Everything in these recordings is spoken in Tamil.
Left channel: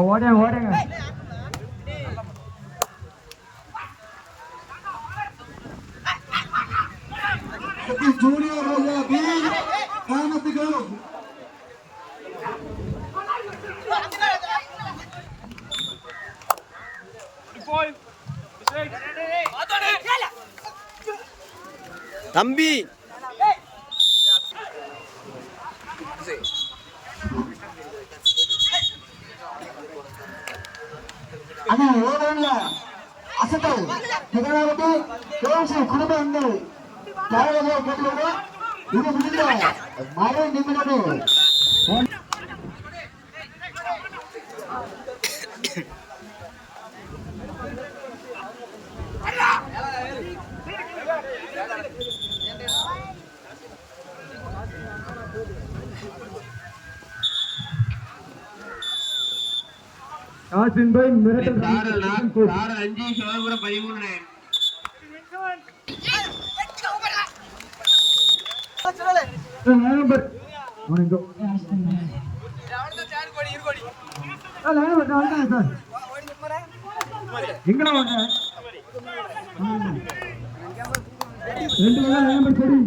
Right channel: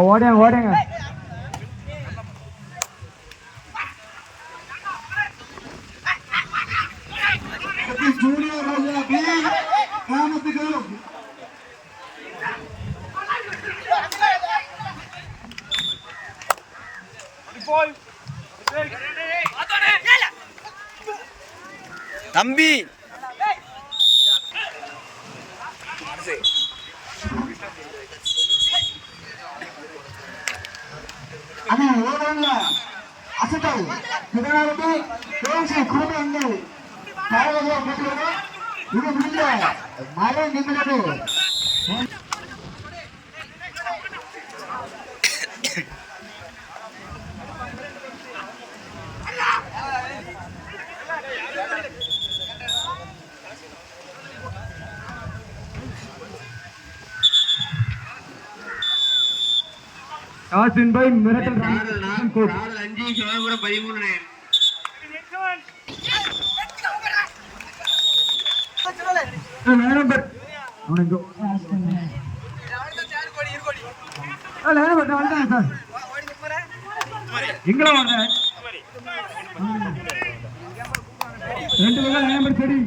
ஓடுங்க ஓடுங்க. தம்பி அசத்தை குடும்ப எங்கள் இது மழை நிமிடம் மிரட்டல் 5 சிவபுரம் 13 நம்பர் எங்கெல்லாம் வாங்க 2 பக்கம் லைன் நம்பர் சரி.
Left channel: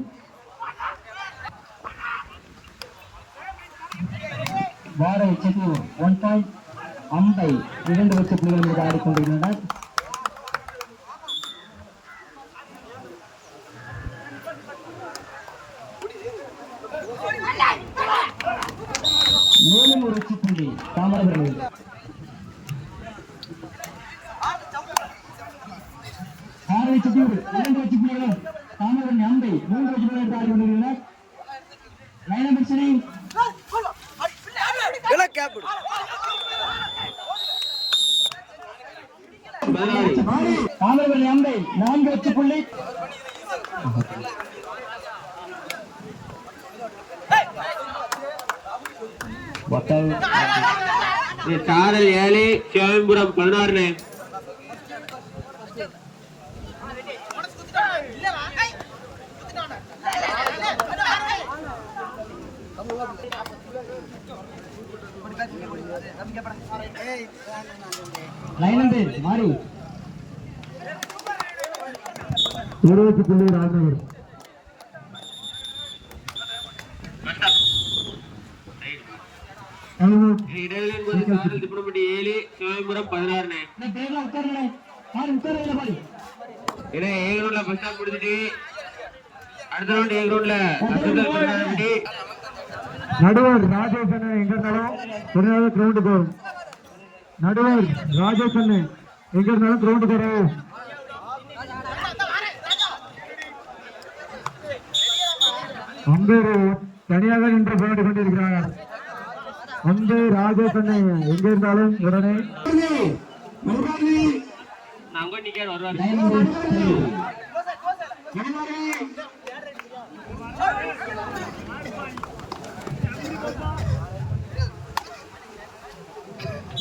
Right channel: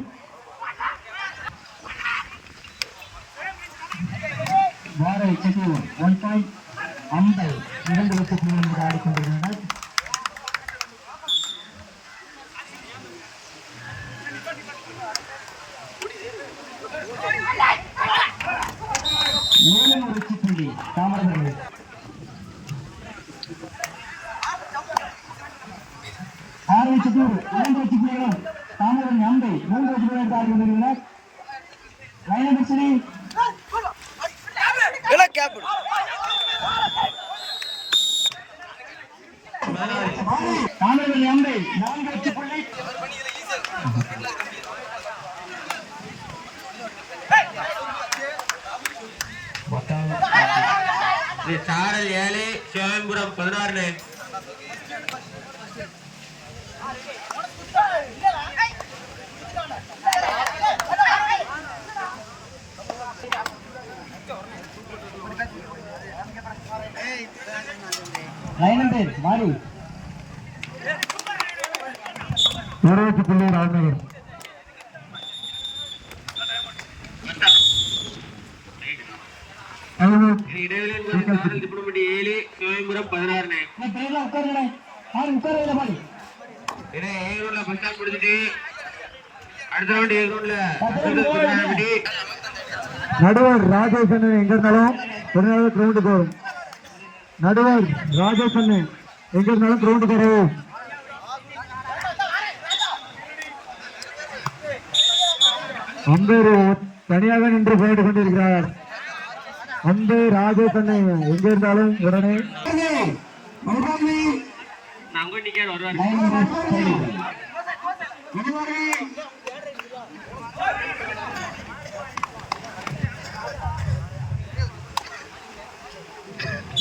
வேற ஒன் டைம் அம்பை 2 வருஷத்தில் ஆடிக்கொண்டிருக்கிறார். மேலும் ஒரு வெற்றி புள்ளி தாமரவர்கள். ஆரம்பிச்சதூர் 2 வெற்றி புள்ளிகளும் தாமரவர்கள் அம்பை 3 வெற்றி புள்ளிகள் ஆடிக்கொண்டிருக்கிறார். லைன் நம்பர் சரி. தாமரவர்கள் அம்பை 4 வெற்றி புள்ளி. சாரல் 7 சிவபுரம் 16 லைன் நம்பர் மாறி 20 புள்ளி ராஜ்நகர். சிவபுரம் 16 நடுவர் ராஜேஷன் எங்க இருந்தாலும் கிரவுண்டுக்கு வரும். நடுவர் ராஜேஷன் எங்க இருந்தாலும் கிரவுண்டுக்கு வரும். அம்பேர் தனியாக நின்று போட்டு கொண்டிருக்கிறார். அம்பே ராஜேஷன் எங்க இருந்தாலும் உடனே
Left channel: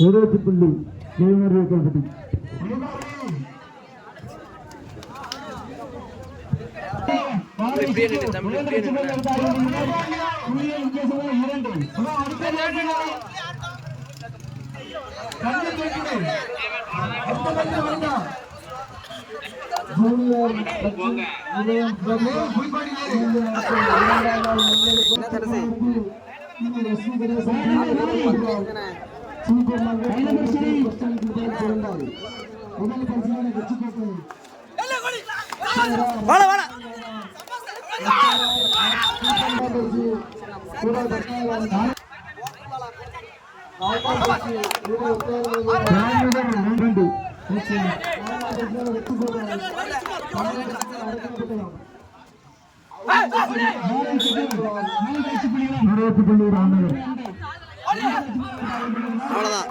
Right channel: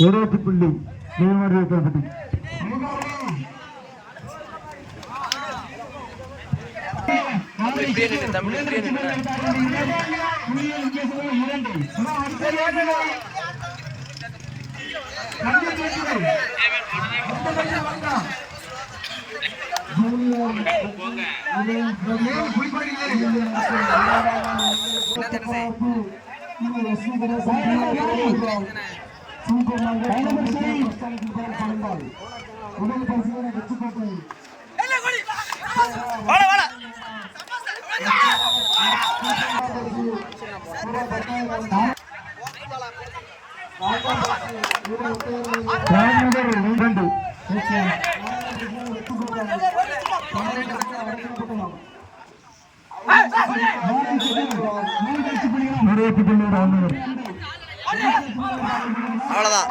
ஒரு வெற்றி புள்ளி கல்பட்டி. அவ்வளவுதான்.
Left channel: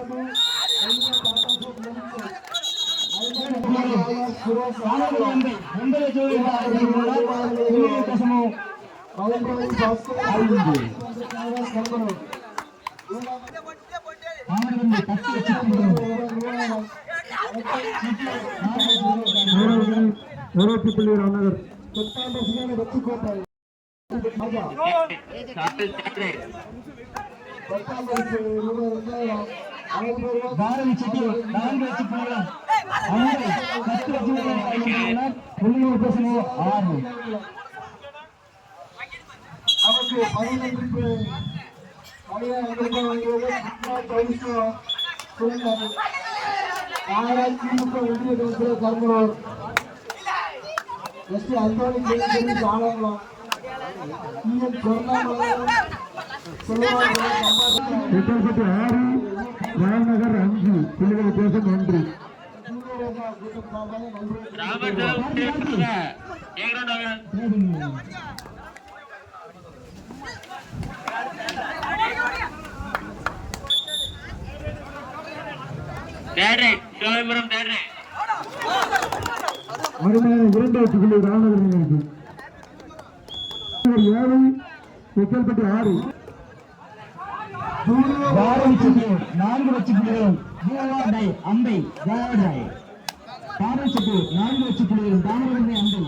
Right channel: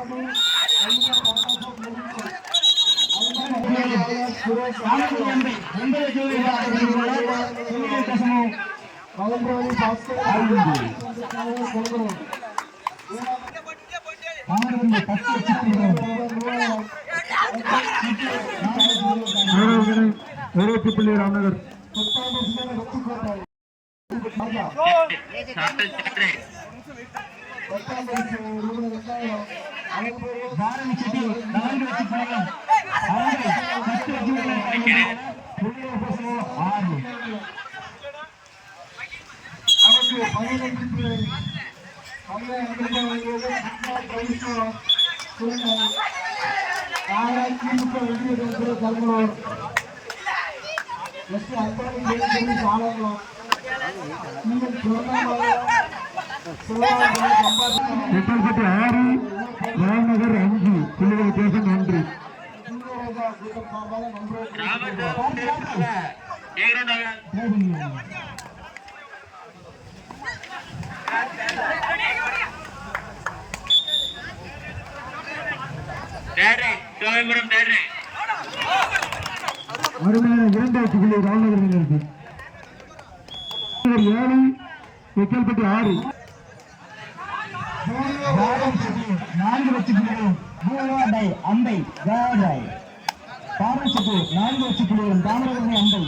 வெற்றி புள்ளி ராமநகர். 10 வெற்றி கோட்டை. சாரல் தேர்ட் ரைட். பாரதி செட்டி 4 வெற்றி புள்ளிகள். புள்ளிகள் பேசுகிறது 6. அவருக்கு 6 ராமநகர் 5 புள்ளிகள் வித்தியாசம் 1. Third right. Sivambaram third right. அருமையான 2 வெற்றி புள்ளி ராமநகர் அணியினருக்கு. 7 வெக்கல்பட்டி 6. பாரதி செட்டி 4 வெற்றி புள்ளிகளும் பூவாடை அம்பை ஜாடாய். பாரதி செட்டி 4 வெற்றி புள்ளிகளும் தாமிரபரணி அம்பை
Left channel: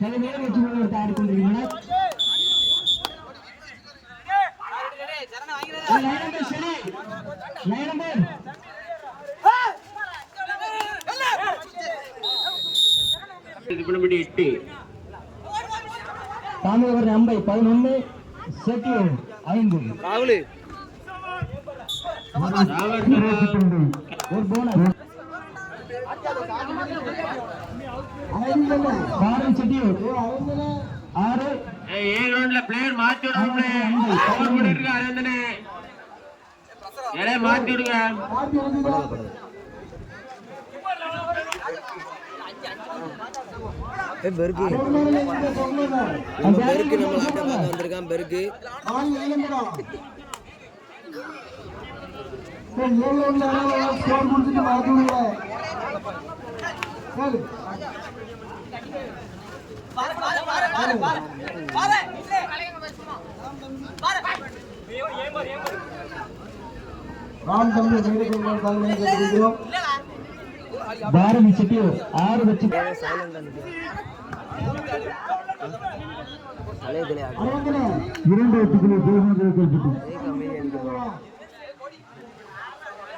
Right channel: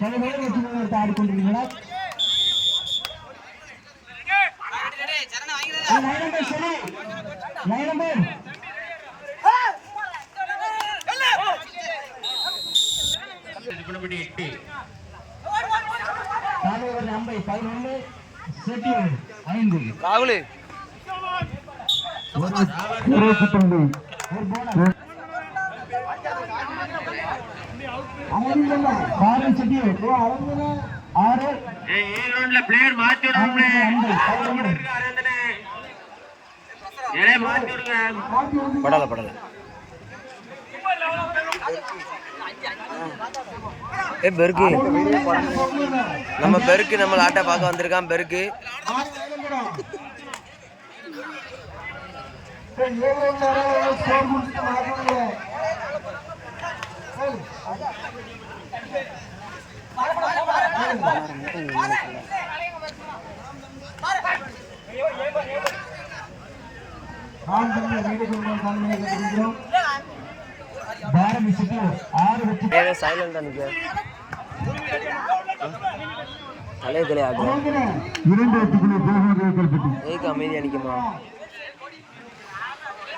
தலைமையில் வெற்றி புள்ளிகள் எடுத்து ஆடிக்கொண்டிருக்கின்றனர். திருப்பணப்பட்டி 8. தாமிரபரணி அம்பை 11 செட்டி 5. ராகுல் ஒரு போனஸ். பாரதி செட்டி 6. ஏ கிரவுண்ட்ல பிளேயர் மாத்தி விடுங்க. அரந்தனே ஏலே மாத்தி விடுங்க. படல பெருக்கு நம்ம பெருக்கு நம்ம ஆட்டை பார்க்க வந்திருக்கான். பெருக்கு பாரதி செட்டி 6 வெற்றி. சைலண்டா நிக்க கலைய கலையாடு 2 வெற்றி புள்ளி வெக்கல்பட்டி. ஏக்கு அமைதியா நிக்கமா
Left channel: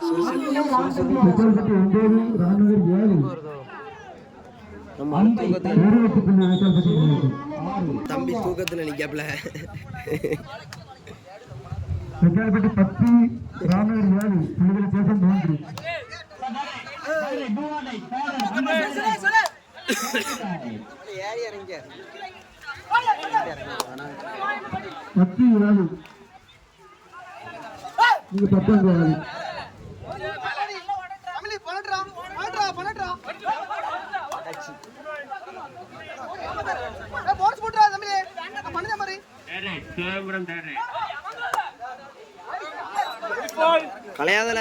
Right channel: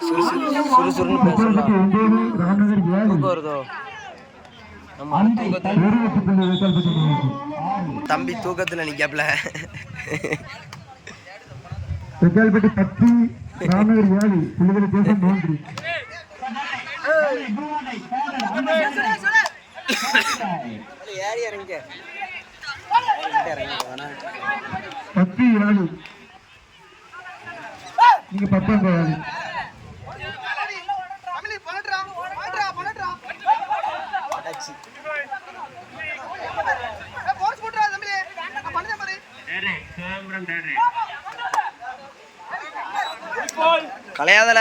சுறுசுறுன்னு பேசுறா. 9 ராமநகர் 7 வருதோ நம்ம தூக்கத்துல 1 வெற்றி புள்ளி வெக்கல்பட்டி அணியினருக்கு. தம்பி தூக்கத்துல நிக்காப்ல. வெக்கல்பட்டி 10 ராமநகர் 7 புள்ளிகள் வித்தியாசம் 3. ஏறி இறங்க 10 ராணி நீங்க 10 ராணி. சிவம்பரம் தேர்ட் ரைட். கலையாதல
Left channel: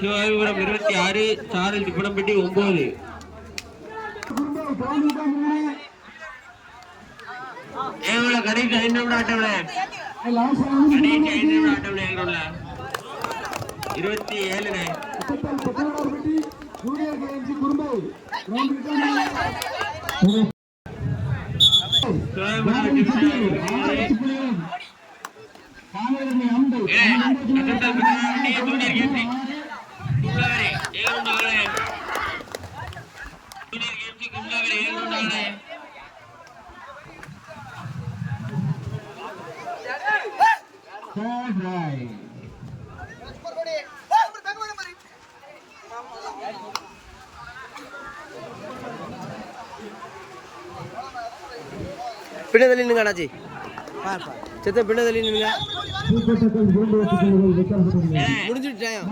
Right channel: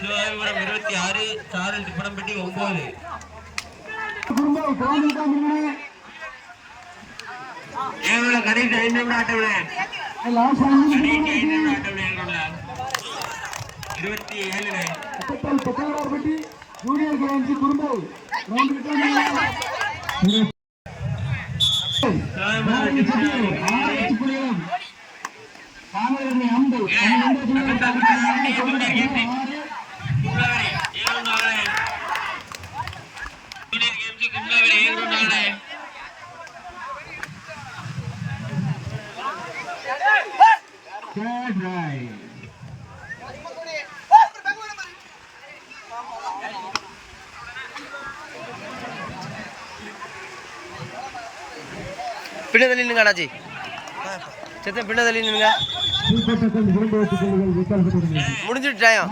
சிவம்பரம் 26. சாரல் திருப்பணப்பட்டி 9. கடைசி 5 நிமிடம் ஆட்டம்ல. கடைசி 5 நிமிடம் ஆட்டம்ல. 27. ஜூனியர் கேம்ஸ் குறும்பை பின்னதள்ளி நின்னுங்க அண்ணாச்சி. சித்த பின்னதள்ளி நின்னுங்க. முடிஞ்சிட்டாயம்.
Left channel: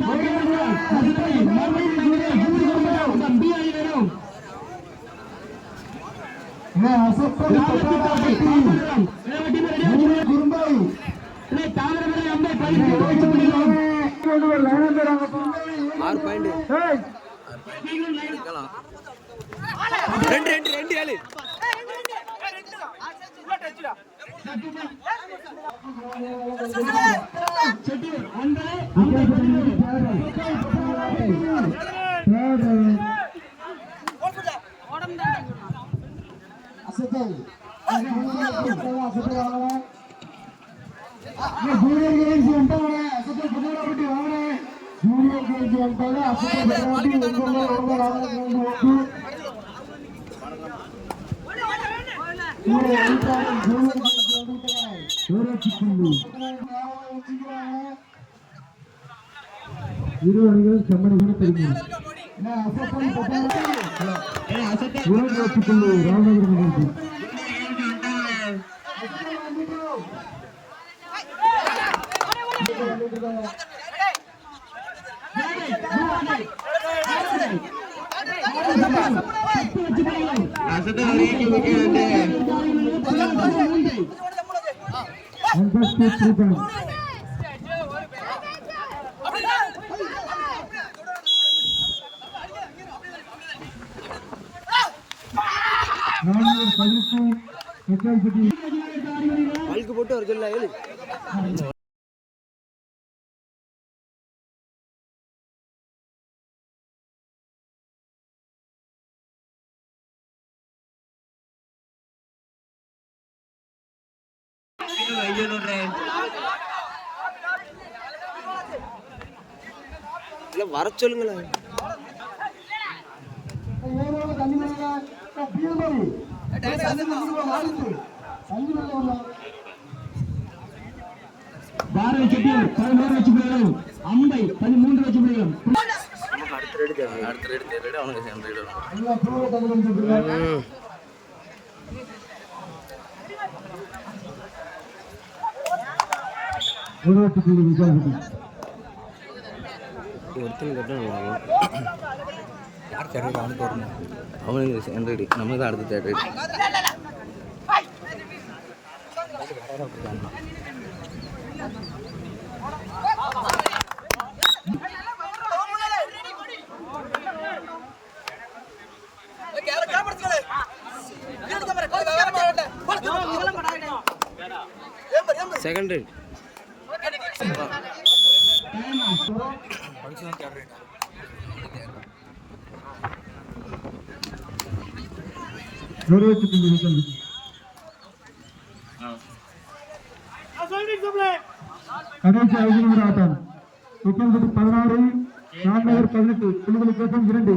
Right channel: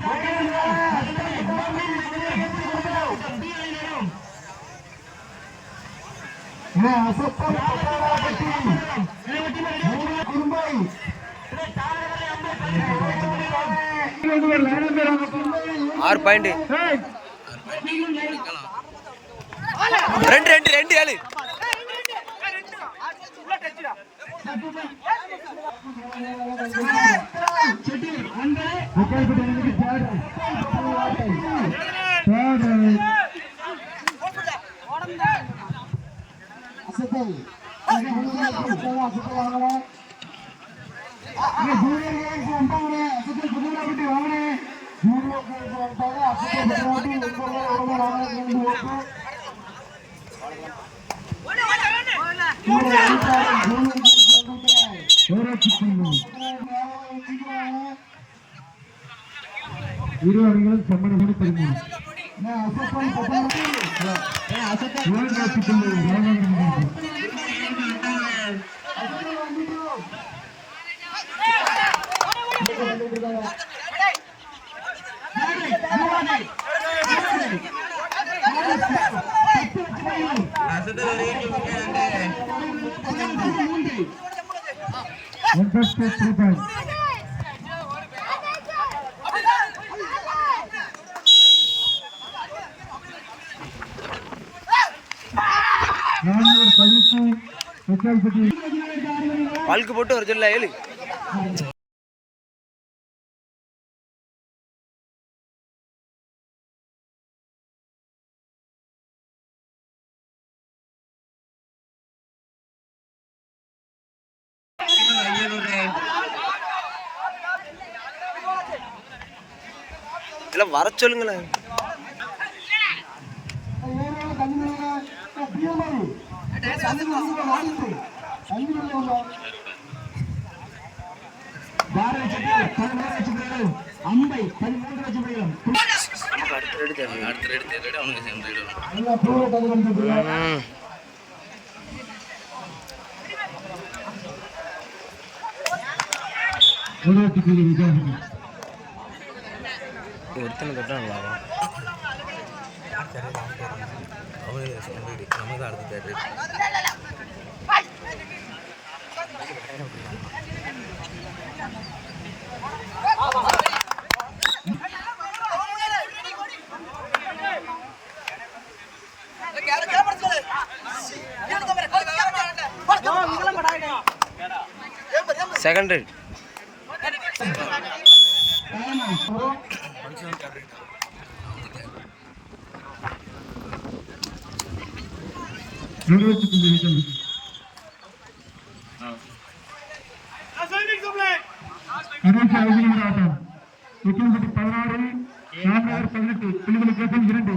Junior 6 point. 2 2 2 7. இரு அணிகள் சமநிலை 13. பல்க்கு போட்டு ஒரு சொல்ல 7. இதெல்லாம் வர சொல்லுங்களேன். நமக்கு அடுத்த ரெடி தேவை. அவனுக்கு சேர்ந்து ஒருத்தனை தொட்டா நல்லா அவனுக்கு சேர்ந்து நம்ம தான் அடுத்த தேவை. Second right. ஆட்டம் 16 ராம்நகர் 18 புள்ளிகளுக்கு 2.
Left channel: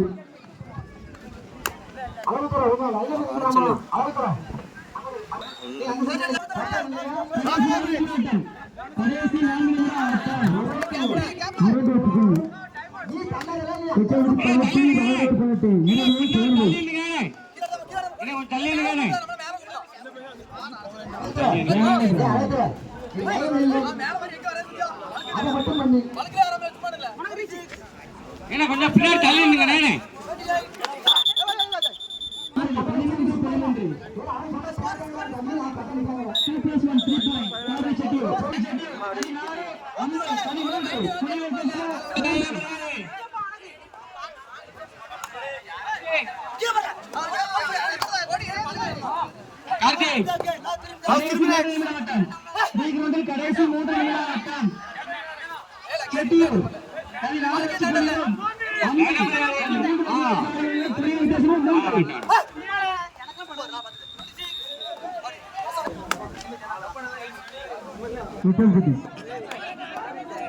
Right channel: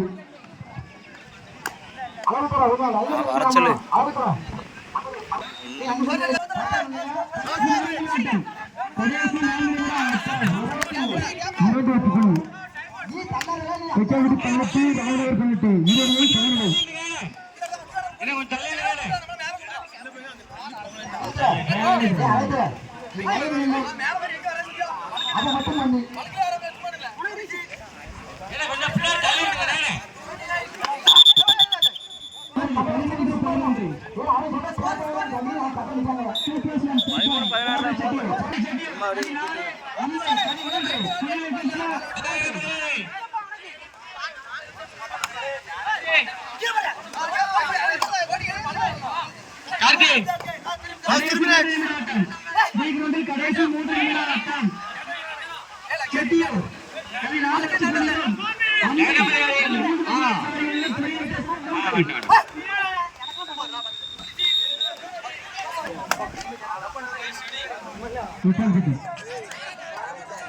வர சொல்லு. கொஞ்சம் பின்னாடி தள்ளி நின்னுங்க. கடைசி 3 நிமிடம் செட்டியூர் 14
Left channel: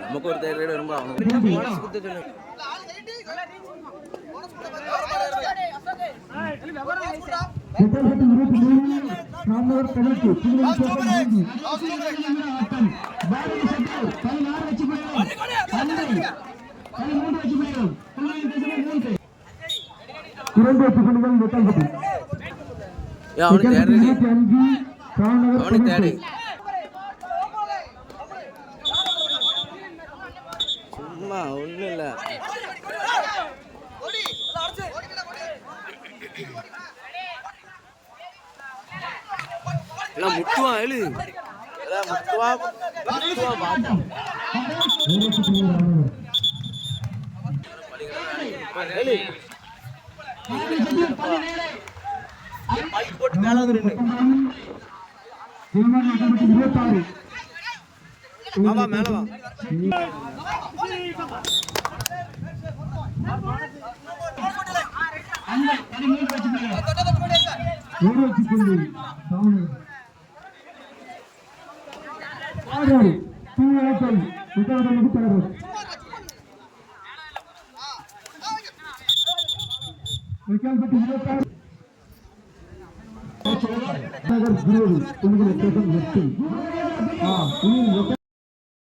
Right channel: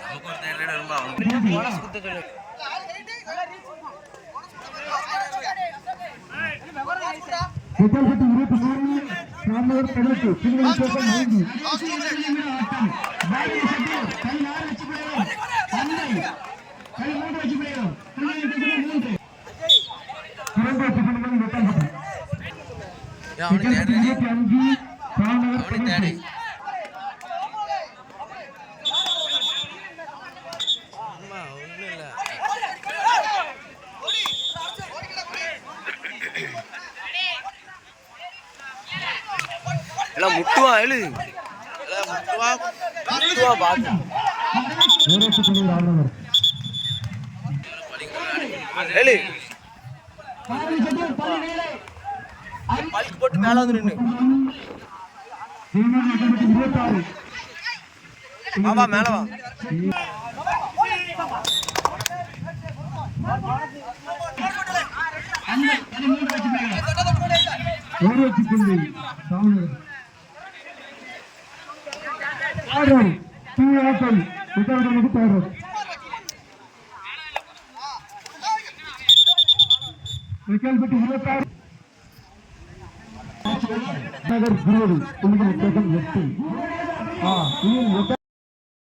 நமக்கு ஒரு தைரியம் ரொம்ப அவனுக்கு போனஸ் குத்த சொல்லு. ஒன்றும் இல்லை. எல்லாம் முட்டுவான் எழு முட்டுவா பாத்து ஏலி பல்க் போட்டு மேல வந்து நின்னு வா மேல வா நகர் 20 உங்களுக்கு 8